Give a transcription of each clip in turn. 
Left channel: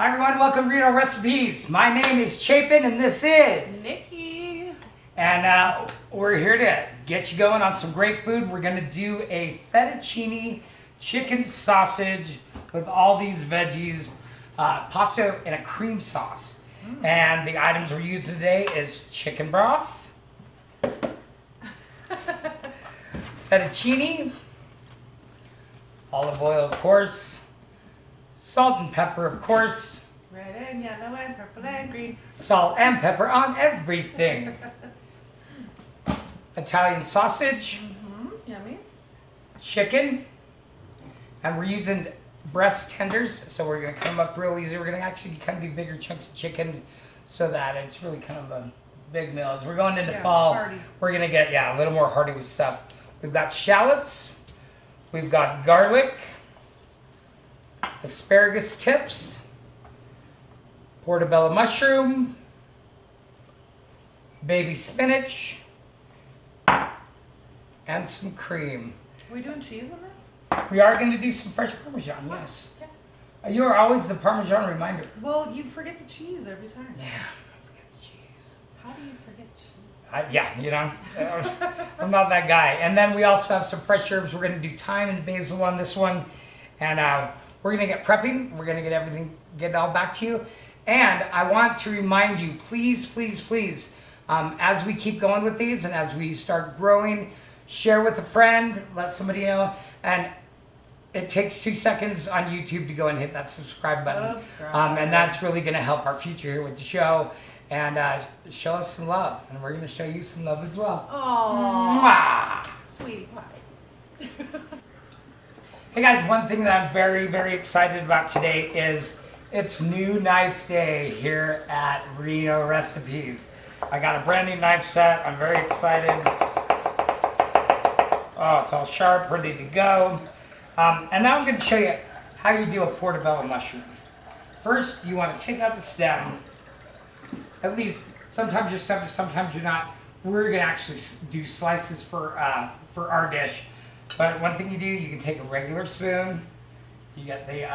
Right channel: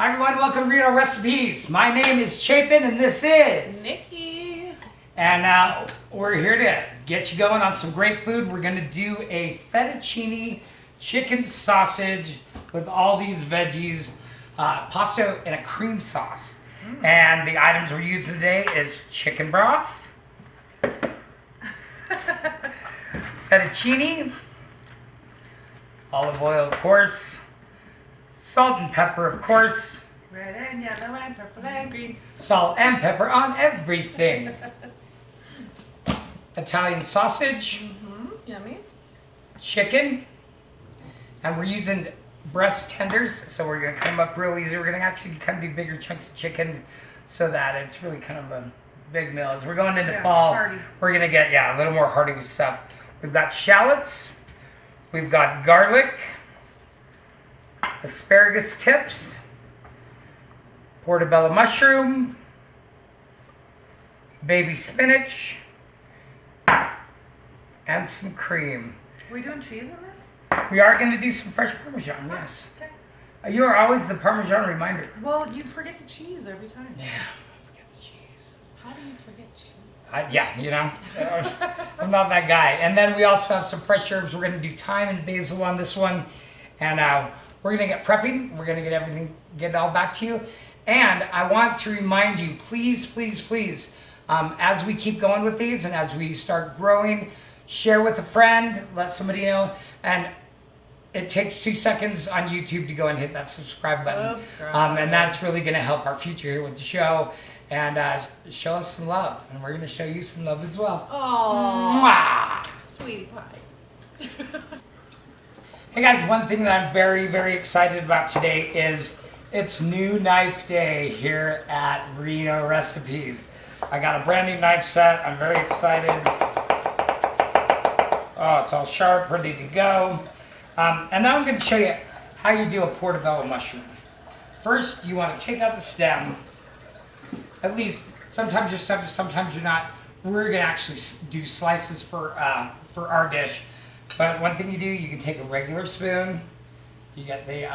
Hi everyone, welcome to Reno Recipes. My name is Chapin and this is Nicky. And we're here to get you going on some great food. We're gonna do a fettuccine chicken sausage with all these veggies, pasta and a cream sauce. And the items we're using today is chicken broth, fettuccine, olive oil of course, salt and pepper, of course. Red and yellow and purple and green. Salt and pepper on everything. Italian sausage, Yummy. chicken, and we're using breast tenders, so we're gonna cut them up real easy. We're gonna actually kind of do bigger chunks of chicken so that it's really kind of a big meal. As we're going into fall, hearty. we're gonna get a little more hearty with stuff. We've got shallots, we've got garlic, asparagus tips, portobello mushroom, baby spinach, and some cream. Are we doing cheese in this? We are going to do some fresh Parmesan, yes. Okay. You are always the Parmesan reminder. Well, you forget the cheese every time. Yeah, I forget the cheese. How do you forget cheese? Yeah, you know, I'm not that guy. And then we also have some fresh herbs. We're going to do thyme and basil on this one. And we're going to get prepping. We're going to get everything, get it all back to you. And I want to remind you, please, please, please, as we keep going with these and as we start growing, share with a friend, let somebody know. And it takes 2 seconds on YouTube to go and hit that subscribe button. And that's really going to help our future here with the show. And show us some love. And we're going to show you some love as well. Aww. Sweetie pies. Hey guys, one thing that I'm very, very excited about today is it's new knife day here at Reno Recipes. I got a brand new knife set. I'm very excited. Oh, it's all sharp, ready to go. And now I'm going to show you how you do a portobello mushroom. First, you want to take out the stem. At least, sometimes you're stem, sometimes you're not. We're going to actually do slices for our dish. But one thing you do, you can take a regular spoon. You get the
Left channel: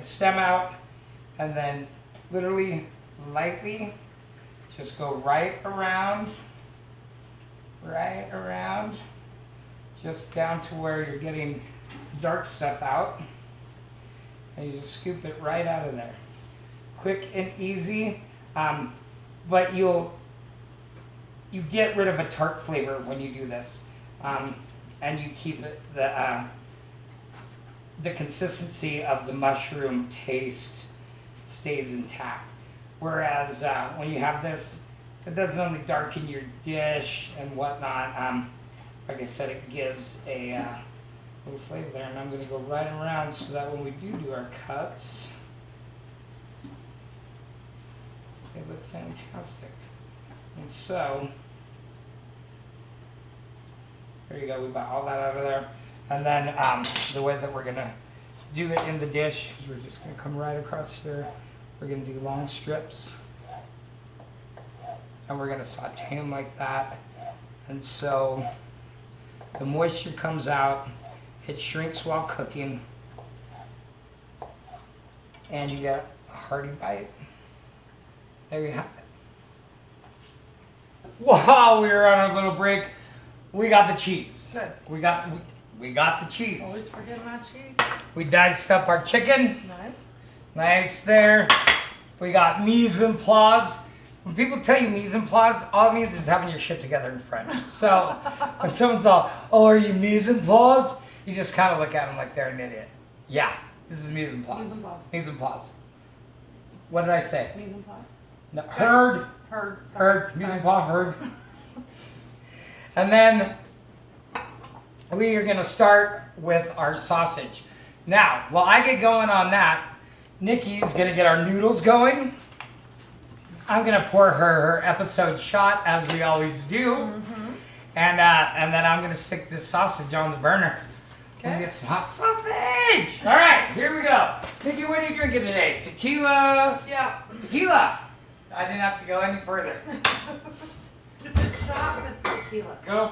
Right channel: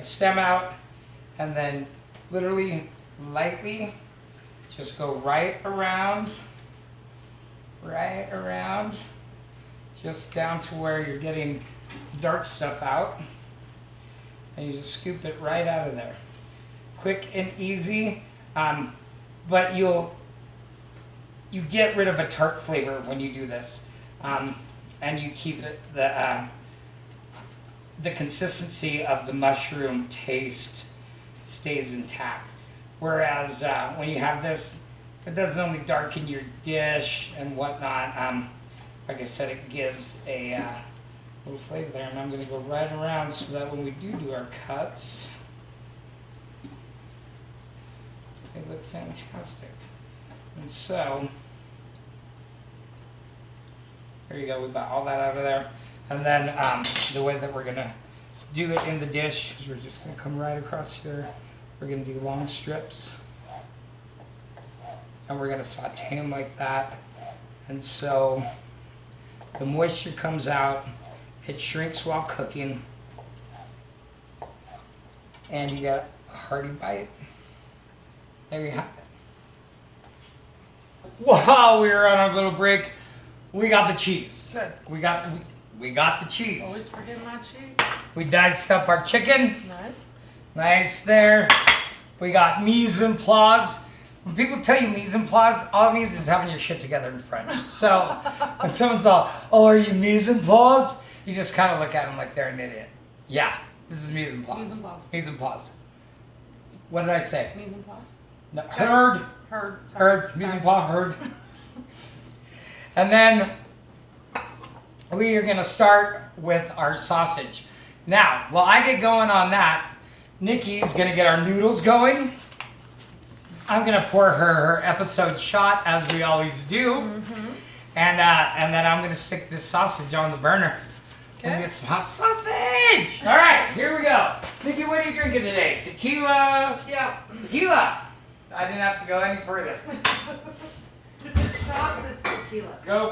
stem out, and then literally lightly just go right around, just down to where you're getting dark stuff out, and you just scoop it right out of there. Quick and easy, but you get rid of a tart flavor when you do this, and you keep it the consistency of the mushroom taste stays intact. Whereas when you have this, it doesn't only darken your dish and whatnot. Like I said, it gives a little flavor there. And I'm going to go right around so that when we do our cuts, they look fantastic. And so, there you go. We got all that out of there. And then the way that we're going to do it in the dish is we're just going to come right across here. We're going to do long strips. And we're going to saute them like that. And so the moisture comes out. It shrinks while cooking. And you get a hearty bite. There you have it. While we were on our little break, we got the cheese. Good. We got the cheese. Always forget my cheese. We diced up our chicken. Nice. Nice there. We got mise en place. When people tell you mise en place, all it means is having your shit together in French. So when someone's all, oh, are you mise en place? You just kind of look at them like they're an idiot. Yeah, this is mise en place. Mise en place. Mise en place. What did I say? Mise en place. No, heard. Heard. Heard. Mise en place. Heard. And then we are going to start with our sausage. Now, while I get going on that, Nikki's going to get our noodles going. I'm going to pour her episode shot, as we always do. And then I'm going to stick this sausage on the burner. We'll get some hot sausage. All right, here we go. Nikki, what are you drinking today? Tequila? Yeah. Tequila. I didn't have to go any further. If it's shots, it's tequila. Go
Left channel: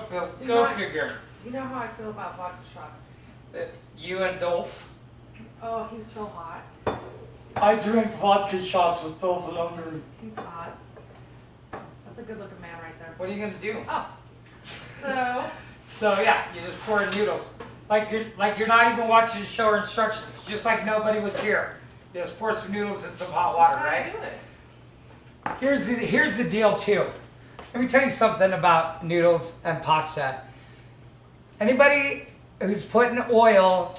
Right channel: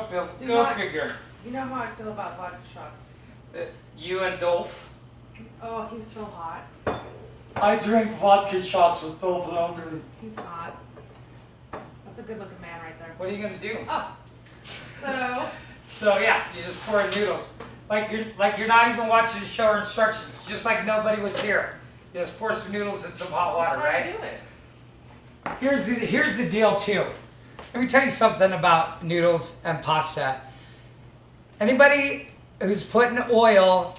figure. You know how I feel about vodka shots. You and Dolph. Oh, he's so hot. I drank vodka shots with Dolphin Hungary. He's hot. That's a good looking man right there. What are you gonna do? Oh. So, So yeah, you just pour in noodles. Like you're not even watching the show or instructions, just like nobody was here. You just pour some noodles in some hot water, that's how right? I do it. Here's the deal too. Let me tell you something about noodles and pasta. Anybody who's putting oil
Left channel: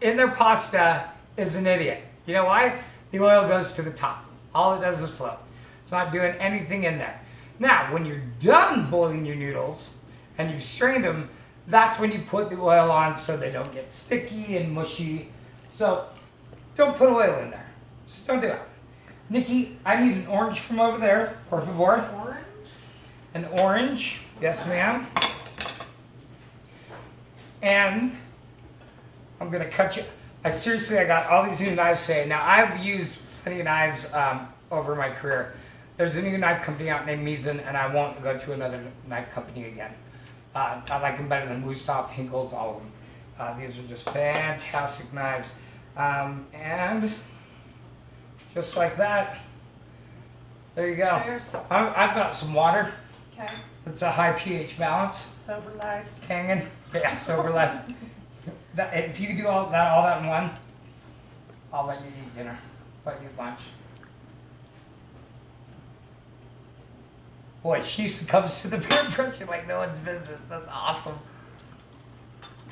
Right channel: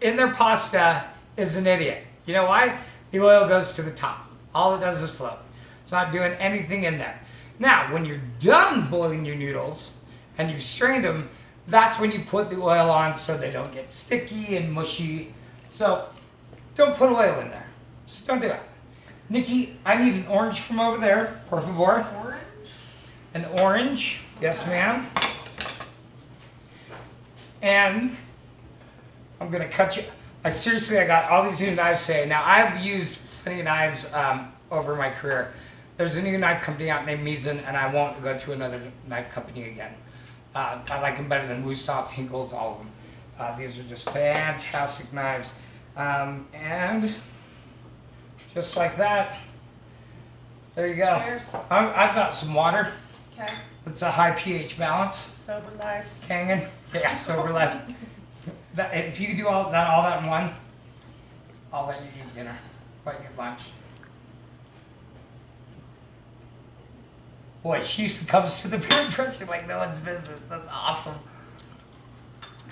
in their pasta is an idiot. You know why? The oil goes to the top. All it does is float. It's not doing anything in there. Now, when you're done boiling your noodles and you've strained them, that's when you put the oil on so they don't get sticky and mushy. So don't put oil in there. Just don't do it. Nikki, I need an orange from over there, por favor. Orange? An orange. Yes, ma'am. And I'm going to cut you. I got all these new knives today. Now, I've used plenty of knives over my career. There's a new knife company out named Misen, and I won't go to another knife company again. I like them better than Wusthof, Hinkels, all of them. These are just fantastic knives. And just like that, there you go. Cheers. I've got some water. Okay. It's a high pH balance. Sober life. Kangen. Yeah, sober life. If you could do all that in one, I'll let you eat dinner. Let you eat lunch. Boy, she comes to the peer pressure like no one's business. That's awesome.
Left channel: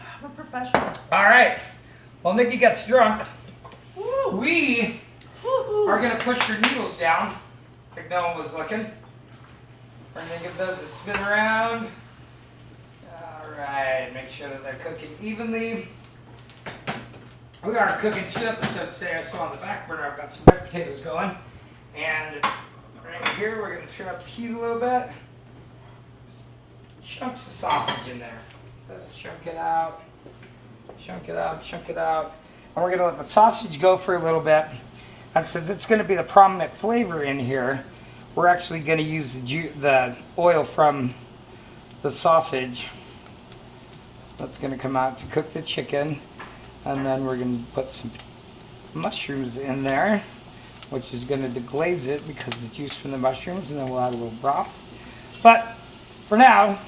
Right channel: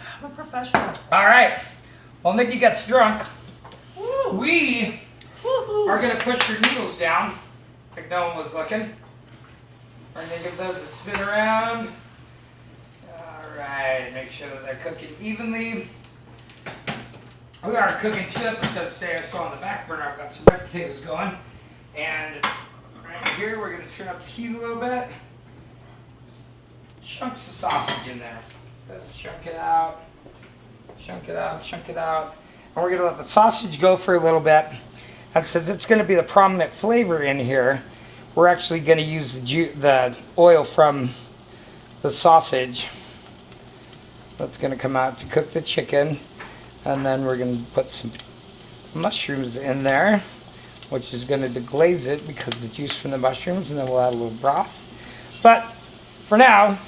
I'm a professional. All right. Well, Nikki gets drunk. Woo. We Woo-hoo. are going to push your noodles down like no one was looking. We're going to give those a spin around. All right. Make sure that they're cooking evenly. We are cooking 2 episodes today. I saw on the back burner I've got some red potatoes going. And right here we're going to turn up the heat a little bit. Just chunks of sausage in there. Let's chunk it out. Chunk it out, chunk it out. And we're going to let the sausage go for a little bit. And since it's going to be the prominent flavor in here, we're actually going to use the oil from the sausage. That's going to come out to cook the chicken. And then we're going to put some mushrooms in there, which is going to deglaze it because of the juice from the mushrooms, and then we'll add a little broth. But for now,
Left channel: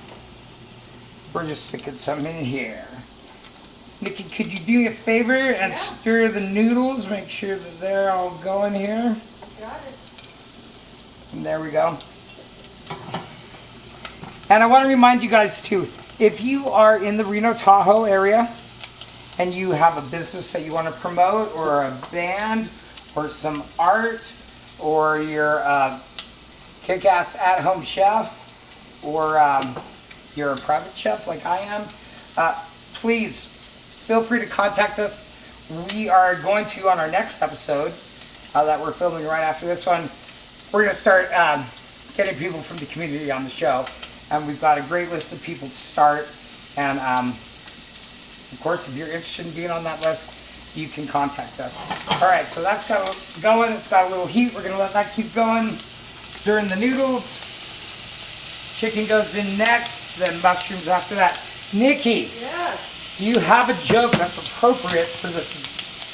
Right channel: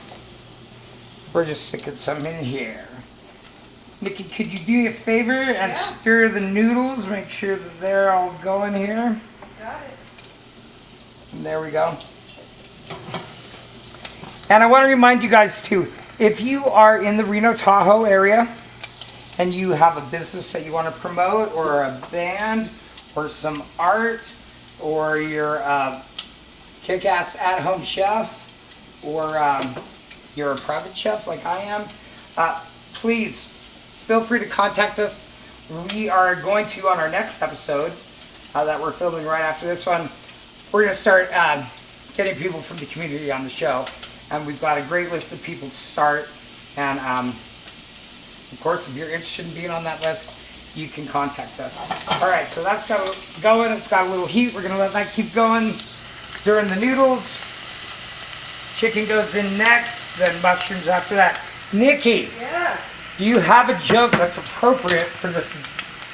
we're just sticking some in here. Nikki, could you do me a favor and stir the noodles? Make sure that they're all going here. Got it. And there we go. And I want to remind you guys too, if you are in the Reno Tahoe area and you have a business that you want to promote, or a band, or some art, or you're a kick-ass at-home chef, or you're a private chef like I am, please feel free to contact us. We are going to, on our next episode that we're filming right after this one, we're going to start getting people from the community on the show. And we've got a great list of people to start. And of course, if you're interested in being on that list, you can contact us. All right, so that's got going. It's got a little heat. We're going to let that keep going. Stirring the noodles. Chicken goes in next, then mushrooms after that. Nikki, Yes. do you have a joke that's appropriate for this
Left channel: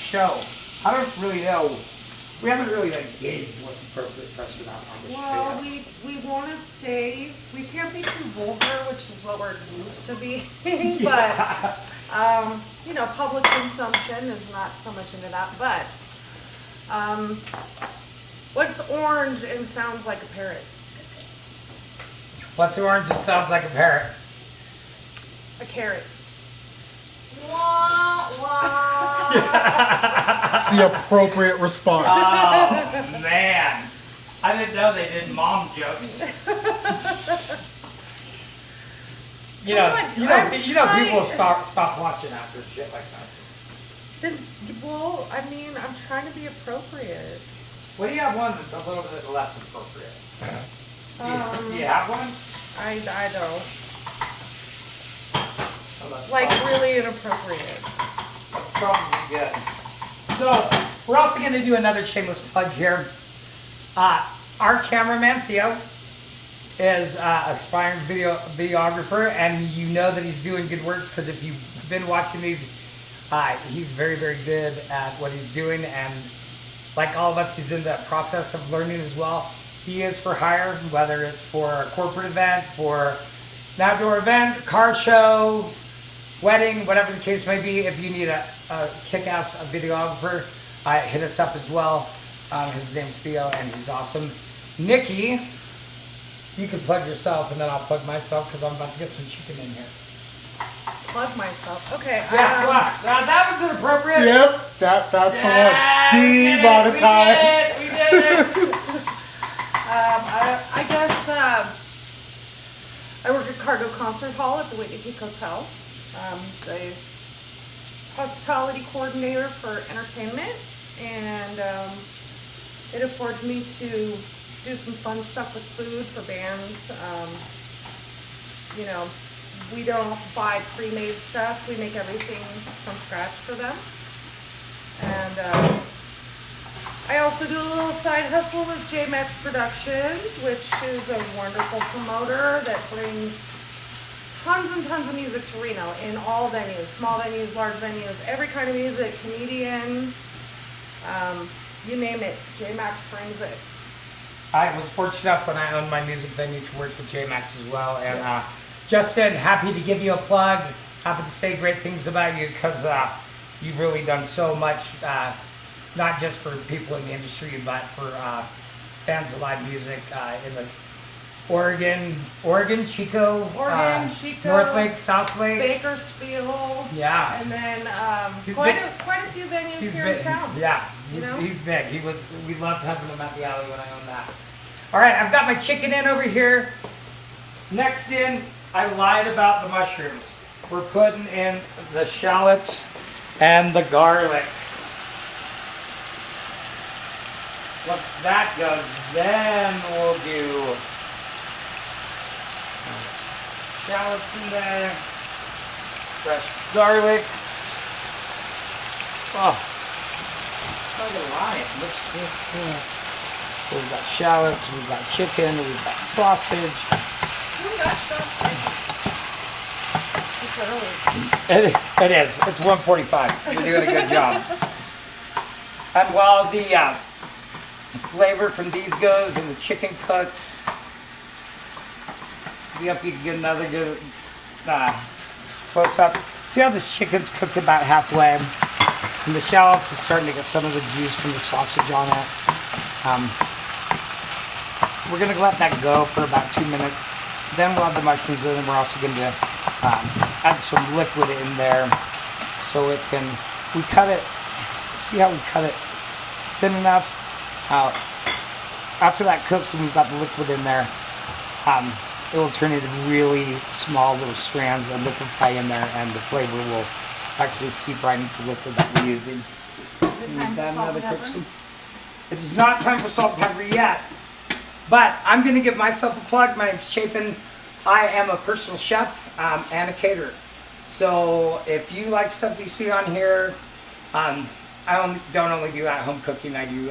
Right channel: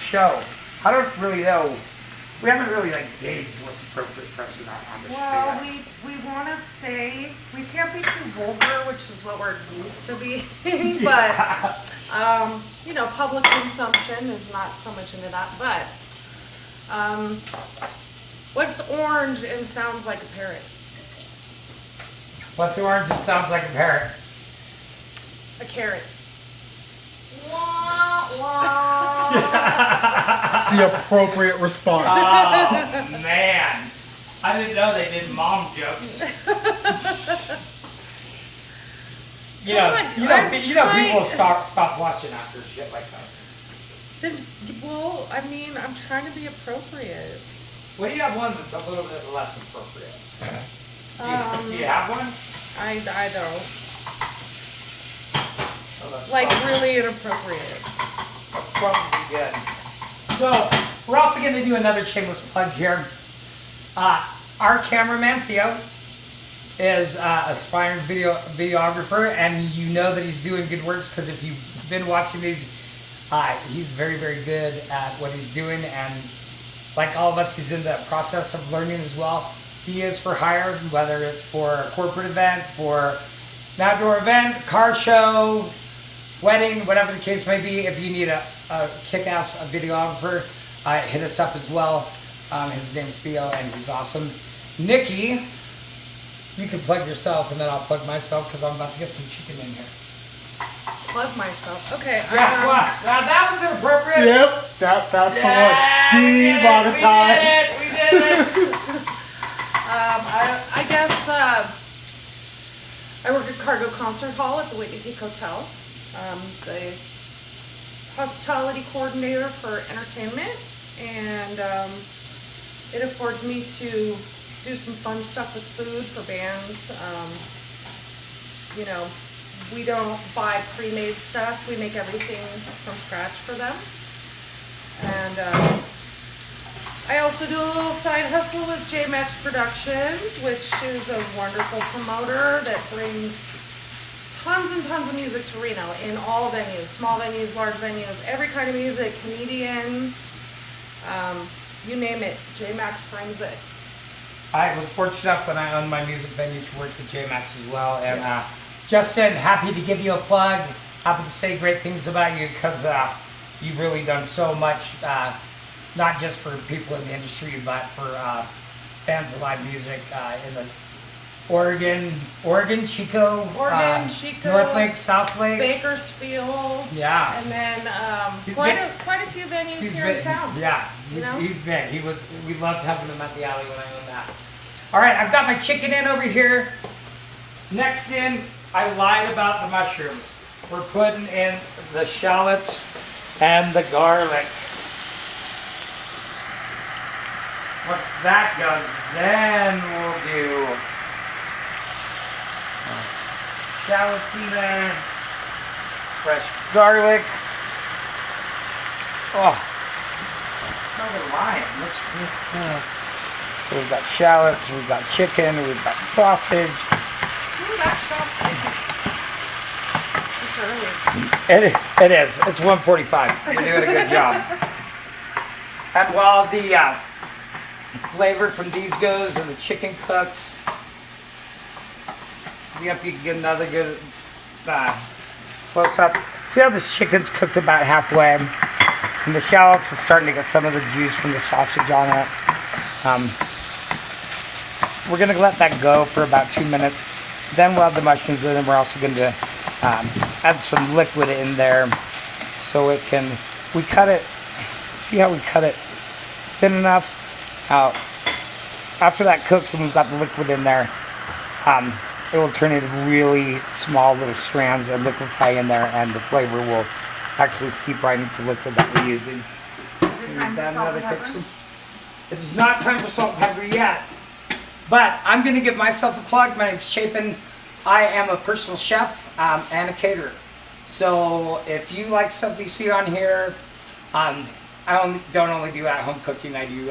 show? I don't really know. We haven't really gauged what's appropriate for us or not on this Well, show. we want to stay, we can't be too vulgar, which is what we're used to being, but, you know, public consumption is not so much into that, but, what's orange and sounds like a parrot? What's orange and sounds like a parrot? A carrot. Wah, wah. That's the appropriate response. Oh, man. I didn't know they did mom jokes. You know, on, you know, I'm you know trying- people will stop watching after shit like that. Then, well, I mean, I'm trying to be appropriate. What do you have one that's a little bit less appropriate? Do you have one? I don't. Oh, that's Like, probably- really inappropriate. that's probably good. So, we're also going to do another shameless plug here. Our cameraman, Theo, is a aspiring videographer, and you know that he's doing good works because if you've been watching these, he's very, very good at what he's doing. And like all of us, he's in the process of learning as well. He is for hire, whether it's for a corporate event, for an outdoor event, car show, wedding, whatever the case may be. If you need a kick-ass videographer, hit us up as well. His name's Theo, and he's awesome. Nicky, you can plug yourself, and then I'll plug myself because I'm about to get some chicken in here. Plug myself. Okay. Yeah, what? That was inappropriate. Yep, that's the one. Demonetized. We did it. I guess I work at Cargo Concert Hall at the Whitney Peak Hotel. The hospitality coordinator for entertainment, and it affords me to do some fun stuff with food for bands. You know, we don't buy pre-made stuff. We make everything from scratch for them. And I also do a little side hustle with JMax Productions, which is a wonderful promoter that brings tons and tons of music to Reno in all venues, small venues, large venues, every kind of music, comedians, you name it, JMax brings it. I was fortunate enough when I owned my music venue to work with JMax as well. And Justin, happy to give you a plug. Happy to say great things about you because you've really done so much, not just for people in the industry, but for fans of live music in the Oregon, Chico, Chico, North Lake, South Lake, Bakersfield, yeah, and then He's quite been- a few venues he's here been, in town. yeah, You know? he's been. We loved having him at the alley when I owned that. All right, I've got my chicken in over here. Next in, I lied about the mushrooms. We're putting in the shallots and the garlic. Once that goes, then we'll do shallots in there, fresh garlic. Oh, not gonna lie, it looks good. So we've got shallots, we've got chicken, we've got sausage. Ooh, that shot's it's early. It is. It's 1:45. You're doing a good job. And while the flavor from these goes and the chicken cooks, see if you can get another good close up. See how this chicken's cooked about halfway, and the shallots is starting to get some of the juice from the sausage on it. We're gonna let that go for about 2 minutes. Then we'll have the mushrooms in, and we're also going to add some liquid in there so it can. We cut it. See how we cut it thin enough. After that cooks and we've got the liquid in there, it will turn into really small little strands and liquefy in there, and the flavor will actually seep right into the liquid that we're using. Is it time for salt and pepper? It is not time for salt and pepper yet, but I'm going to give myself a plug. My name's Chapin. I am a personal chef and a caterer. So if you like stuff you see on here, I don't only do at-home cooking. I do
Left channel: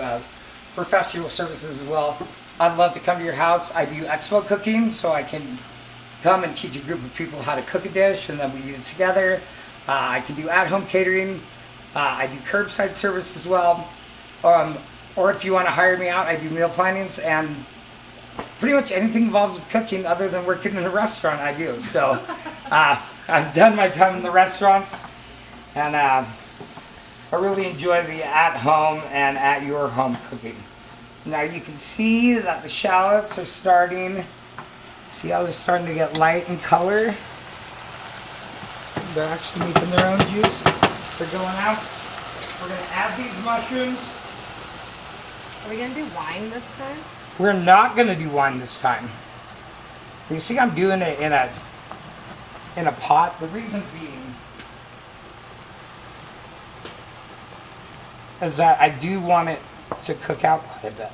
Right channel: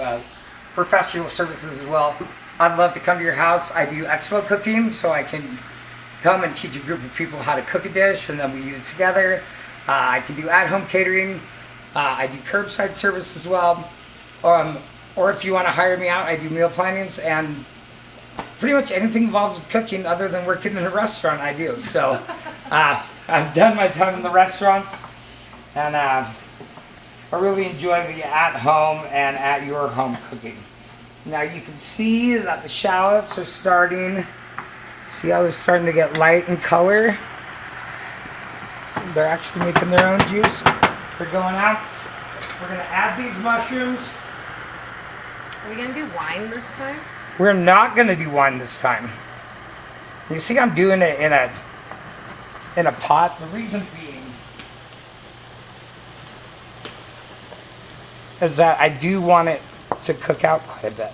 professional services as well. I'd love to come to your house. I do expo cooking, so I can come and teach a group of people how to cook a dish, and then we eat it together. I can do at-home catering. I do curbside service as well. Or if you want to hire me out, I do meal plannings and pretty much anything involved with cooking other than working in a restaurant I do. So I've done my time in the restaurants, and I really enjoy the at-home and at-your-home cooking. Now you can see that the shallots are starting, see how they're starting to get light in color? They're actually making their own juice. They're going out. We're going to add these mushrooms. Are we gonna do wine this time? We're not going to do wine this time. You see I'm doing it in a pot. The reason being is that I do want it to cook out quite a bit.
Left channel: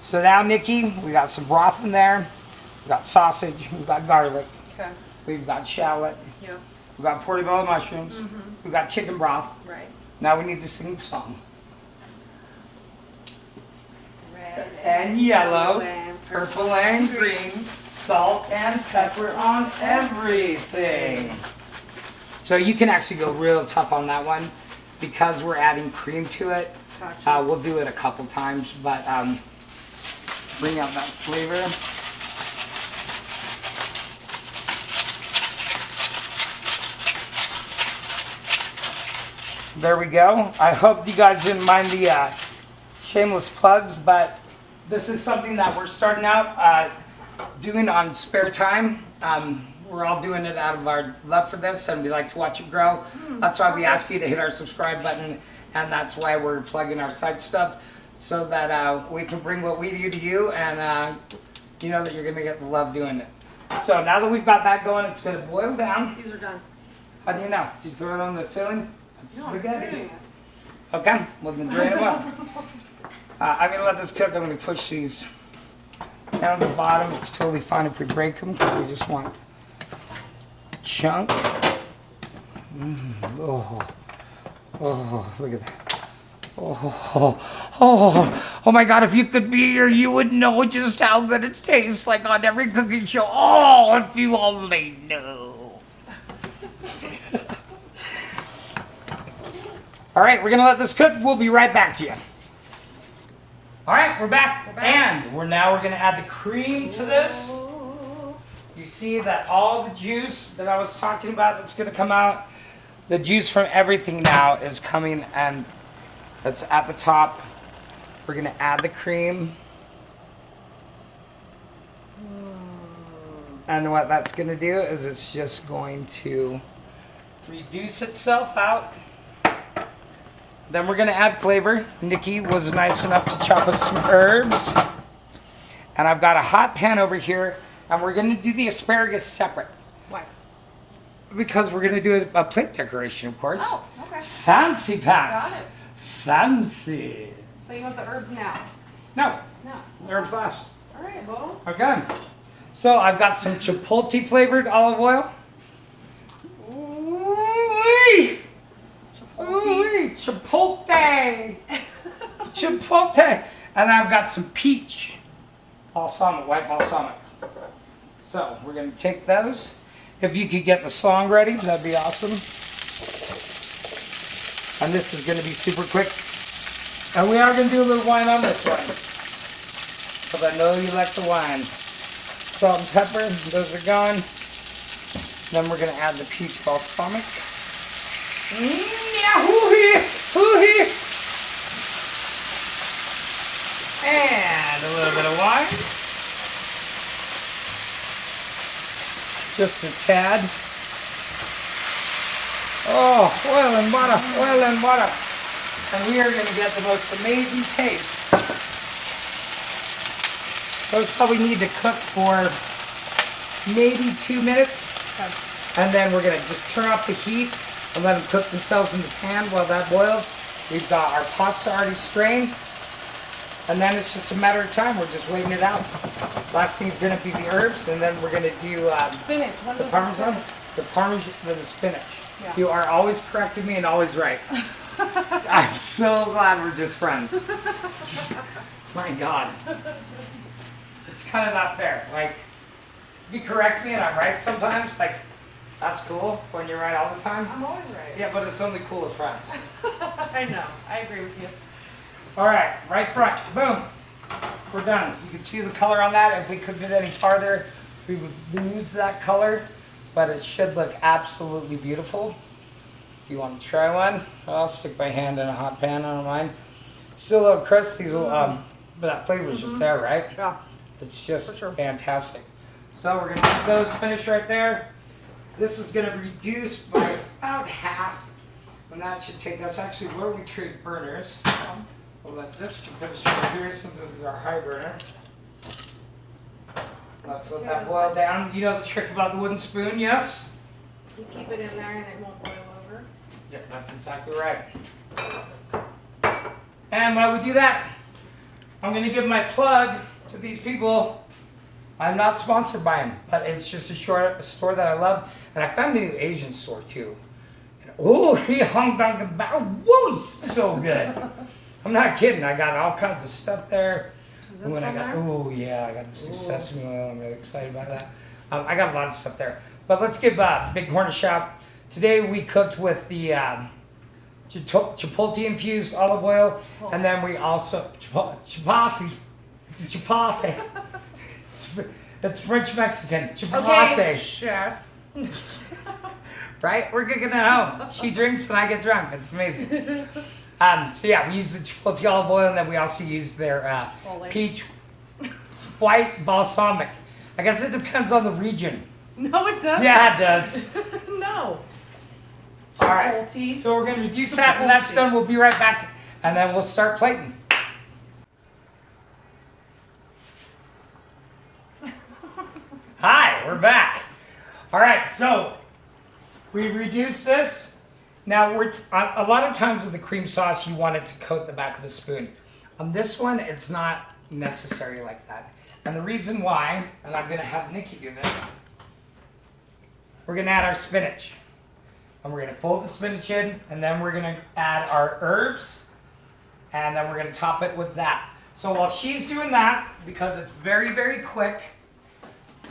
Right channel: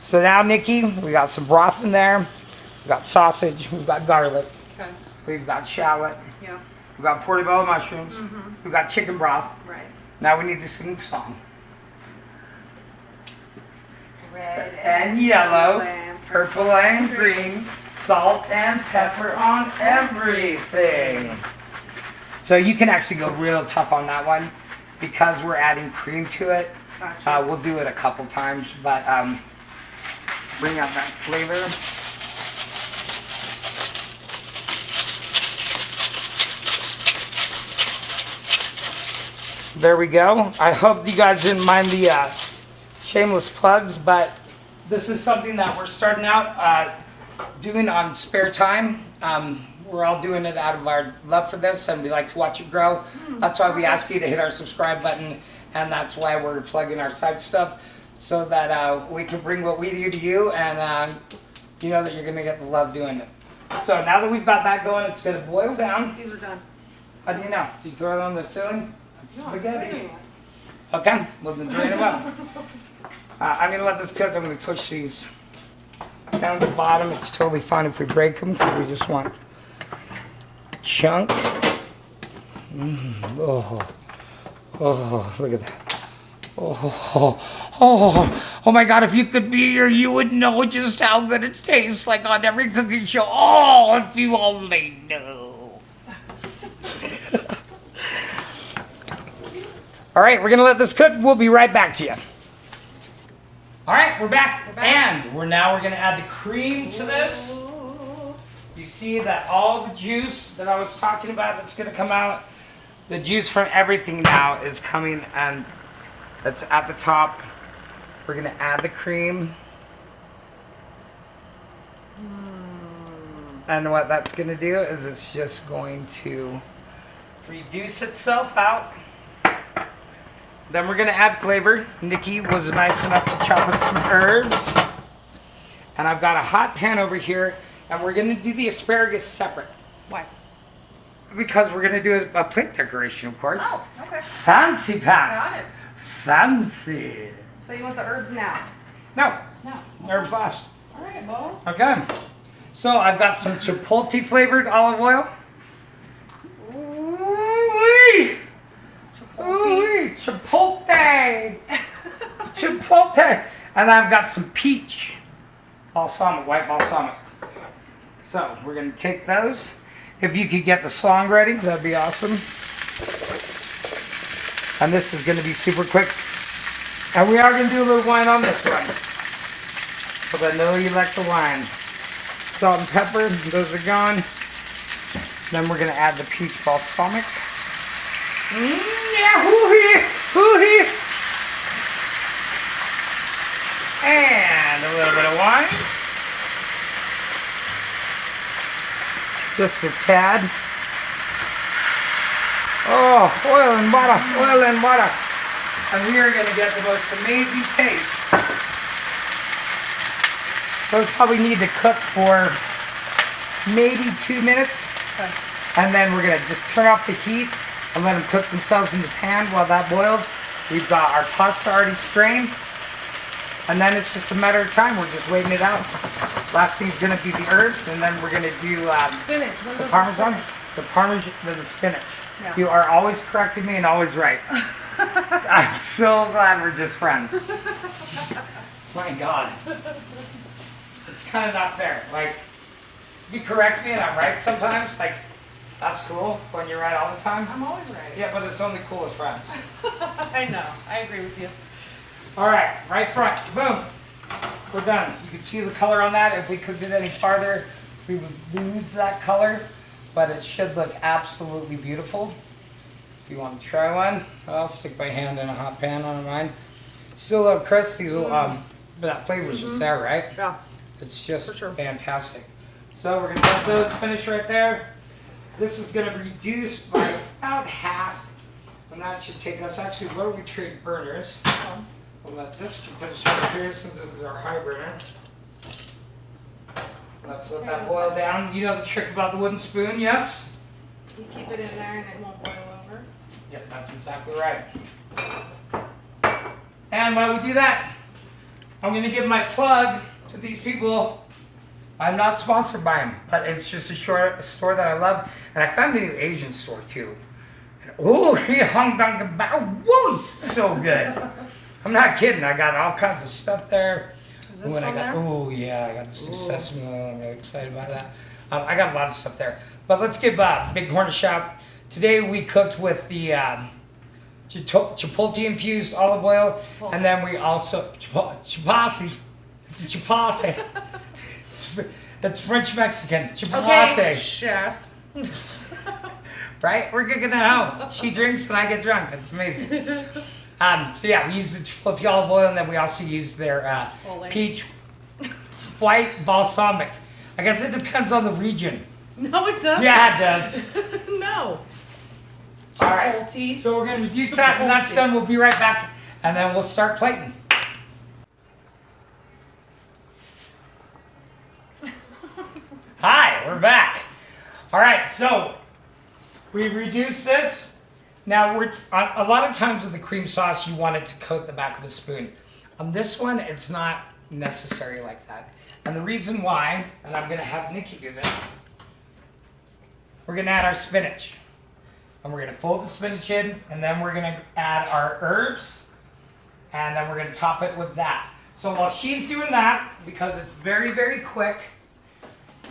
So now, Nikki, we got some broth in there. We've got sausage. We've got garlic. Okay. We've got shallot. Yeah. We've got portobello mushrooms. We've got chicken broth. Right. Now we need to sing the song. Red And yellow, and purple and green, salt and pepper on everything. So you can actually go real tough on that one because we're adding cream to it. Gotcha. We'll do it a couple times, but bring out that flavor. There we go. I hope you guys didn't mind the shameless plugs, but this is something that we're starting out doing on spare time. We're all doing it out of our love for this, and we like to watch it grow. That's why we ask you to hit our subscribe button, and that's why we're plugging our side stuff, so that we can bring what we do to you, and you know that you're going to get the love doing it. So now that we've got that going, it's going to boil down. These are done. How do you know? Did you throw it on the ceiling? It's No, I'm spaghetti. doing it. Okay, well then drain them up. I'm gonna let this cook. I'm gonna push these down to the bottom. It's totally fine if we break them, because we just want a chunk. Oh, look at that. Oh my God, if you could be here, you would know just how good it tastes, like on every cooking show. Oh, if you only knew. All right, we're gonna let this cook. We'll be right back to you. All right, we're back. And we're gonna add the cream to this. You see that all the juice that I was talking about that's gonna come out, the juice from everything now is coming, and that's at the top. We're gonna add the cream. And what that's gonna do is it's just going to reduce itself out. Then we're gonna add flavor. Nikki was nice enough to chop us some herbs. And I've got a hot pan over here, and we're gonna do the asparagus separate. Why? Because we're gonna do a plate decoration, of course. Oh, okay. Fancy pants. Got it. Fancy. So you want the herbs now? No, No. herbs last. All right, well. Okay. So I've got some chipotle flavored olive oil. Ooh-wee. Ooh-wee. Chipotle. Chipotle. And I've got some peach balsamic, white balsamic. So we're going to take those. If you could get the song ready, that'd be awesome. And this is going to be super quick. And we are going to do a little wine on this one, because I know you like the wine. Salt and pepper, those are gone. Then we're going to add the peach balsamic. Yeah, hoo-hee, hoo-hee. And a little bit of wine. Just a tad. Oh, oil and butter, oil and butter. And we are going to get the most amazing taste. Those probably need to cook for maybe 2 minutes. Okay. And then we're going to just turn off the heat and let them cook themselves in the pan while that boils. We've got our pasta already strained. And then it's just a matter of time. We're just waiting it out. Last thing is going to be the herbs, and then we're going to do Spinach. What the was parmesan. spinach? The parmesan and the spinach. Yeah. You are always correcting me and always right. I'm so glad we're just friends. My God. It's kind of not fair. Like, you correct me and I'm right sometimes. Like, that's cool when you're right all the time. I'm always right. Yeah, but it's only cool as friends. I know. I agree with you. All right, right front. Boom. We're done. You can see the color on that. If we cooked it any farther, we would lose that color. But it should look absolutely beautiful. If you want to try one, I'll stick my hand in a hot pan on mine. Still a little crisp. These will, but that flavor's just there, right? Yeah. It's just For sure. fantastic. So we're gonna get those finished right there. This is gonna reduce by about half, and that should take us actually where we trade burners. We'll let this finish over here since this is our high burner. Let's let that boil down. You know the trick about the wooden spoon, yes? You keep it in there and it won't boil over. Yep, that's exactly right. And while we do that, I'm gonna give my plug to these people. I'm not sponsored by them, but it's just a store that I love. And I found a new Asian store too. And, oh, he hung down the bow. Whoa, it's so good. I'm not kidding. I got all kinds of stuff there. Is this When I one got, there? oh yeah, I got this new sesame oil. I'm really excited about that. I got a lot of stuff there. But let's give Big Horn a shout. Today we cooked with the chipotle infused olive oil, and then we also chapati. It's a chapati. It's French Mexican chapati. Okay, chef. Right? We're cooking at home. She drinks and I get drunk. It's amazing. So yeah, we use the chipotle olive oil, and then we also use their peach white balsamic. I guess it depends on the region. No, it doesn't. Yeah, it does. No. All right. Chipotle. So we're gonna do that. When that's done, we'll be right back, and then we'll start plating. Hi, we're back. All right, so we've reduced this. Now we're a lot of times with the cream sauce, you want it to coat the back of the spoon. On this one, it's not necessary like that. And the reason why, and I'm gonna have Nikki do this, we're gonna add our spinach. And we're gonna fold the spinach in, and then we're gonna add our herbs, and then we're gonna top it with that. So while she's doing that, because it's very, very quick,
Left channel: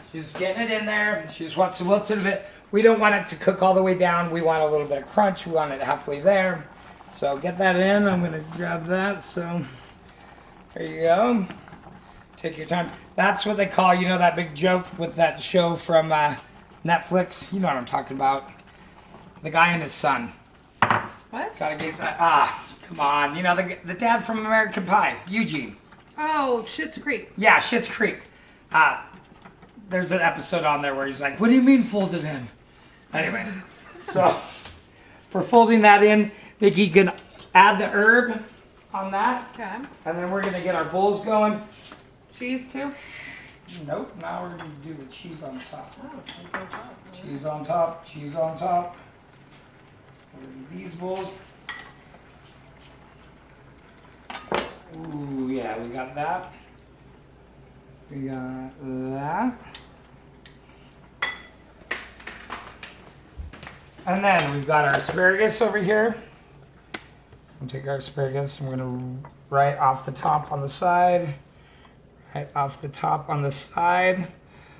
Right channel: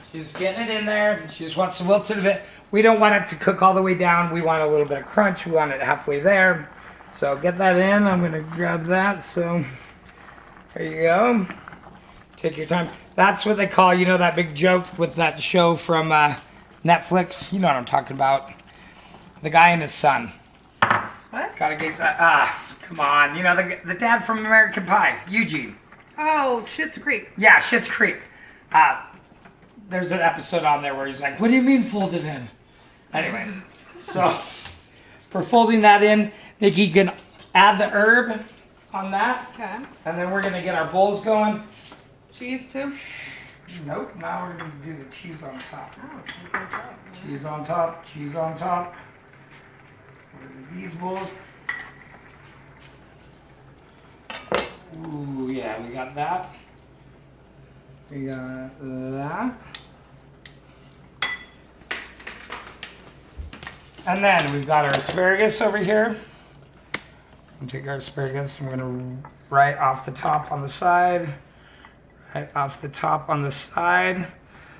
she's getting it in there. She just wants to wilt it a bit. We don't want it to cook all the way down. We want a little bit of crunch. We want it halfway there. So get that in. I'm gonna grab that. So there you go. Take your time. That's what they call, you know, that big joke with that show from Netflix. You know what I'm talking about. The guy and his son. What? Gotta gaze. Come on. You know, the dad from American Pie, Eugene. Oh, Schitt's Creek. Yeah, Schitt's Creek. There's an episode on there where he's like, what do you mean folded in? Anyway, so we're folding that in. Nikki, you can add the herb on that. Okay. And then we're going to get our bowls going. Cheese too? Nope, now we're going to do the cheese on top. Oh, cheese on top. Cheese on top, cheese on top. These bowls. Ooh, yeah, we got that. We got that. And then we've got our asparagus over here. We'll take our asparagus, I'm gonna right off the top on the side. Right off the top on the side.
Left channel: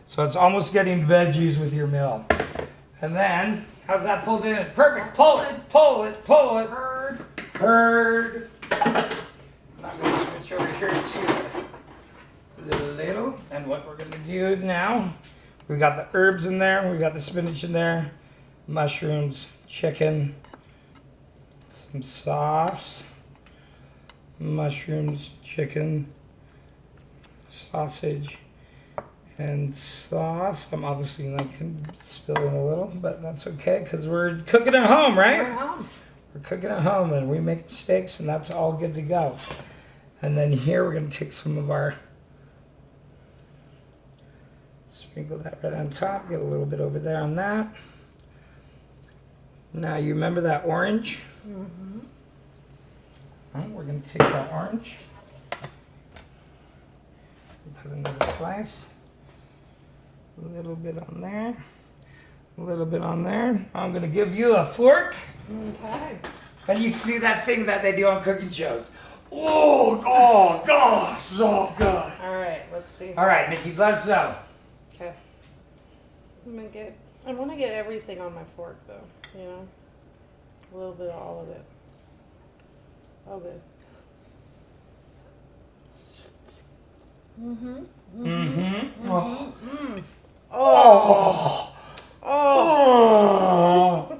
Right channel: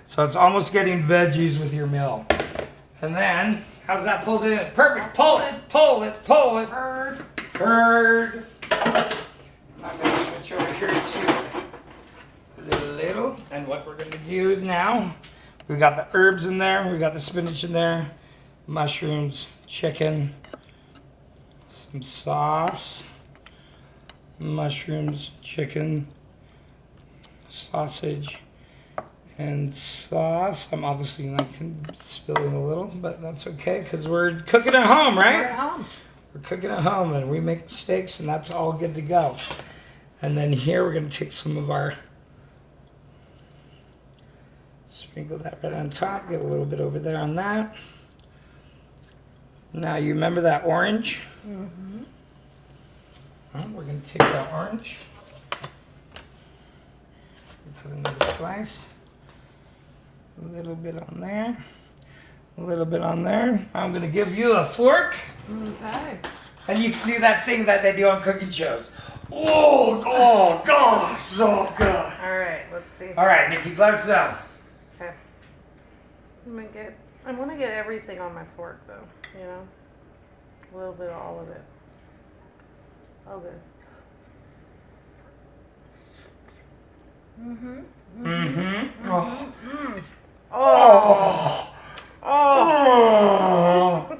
So it's almost getting veggies with your meal. And then, how's that folded in? Perfect, pull it, pull it, pull it. Bird. Bird. I'm gonna switch over here to a little. And what we're gonna do now, we got the herbs in there, we got the spinach in there, mushrooms, chicken, some sauce, mushrooms, chicken, sausage, and sauce. I'm obviously like spilling a little, but that's okay because we're cooking at home, right? We're at home. We're cooking at home and we make mistakes and that's all good to go. And then here we're going to take some of our, sprinkle that right on top, get a little bit over there on that. Now you remember that orange? Mm-hmm. Well, we're going to take that orange, put another slice, a little bit on there, a little bit on there. I'm going to give you a fork. Okay. And you can do that thing that they do on cooking shows. Oh God, so good. All right, let's see. All right, Nikki, gloves down. Okay. I want to get everything on my fork though, you know? A little bit of all of it. Oh, good. Oh. Oh. Oh.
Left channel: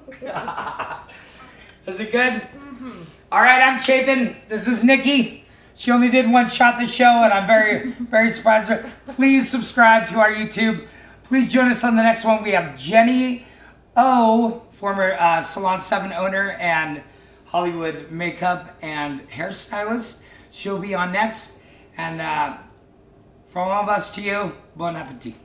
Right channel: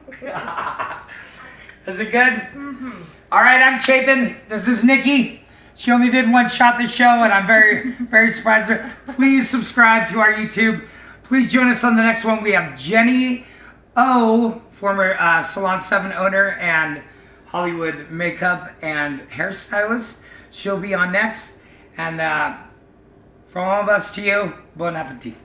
Is it good? Mm-hmm. All right, I'm Chapin. This is Nikki. She only did one shot the show, and I'm very, very surprised with her. Please subscribe to our YouTube. Please join us on the next one. We have Jenny O, former Salon 7 owner and Hollywood makeup and hairstylist. She'll be on next. And from all of us to you, bon appetit.